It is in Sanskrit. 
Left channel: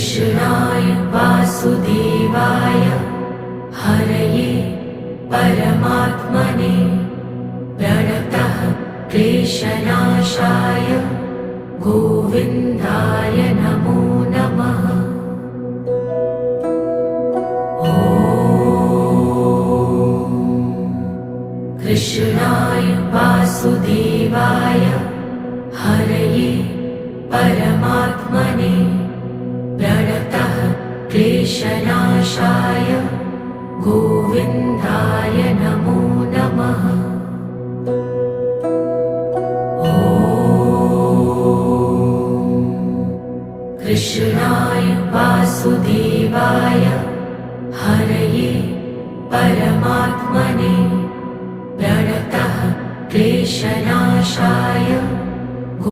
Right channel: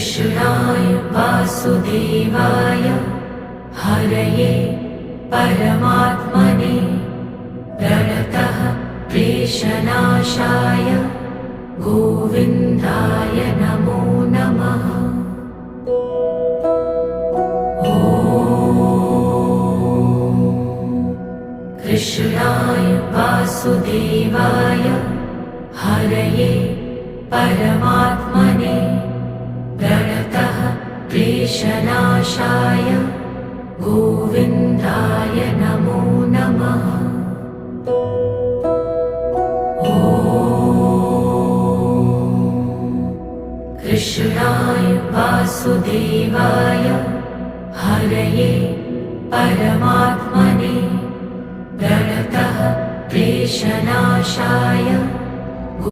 कृष्णाय वासुदेवाय हरये परमात्मने प्रणतः क्लेशनाशाय गोविन्दाय नमो नमः। कृष्णाय वासुदेवाय हरये परमात्मने प्रणतः क्लेशनाशाय गोविन्दाय नमो नमः। कृष्णाय वासुदेवाय हरये परमात्मने प्रणतः क्लेशनाशाय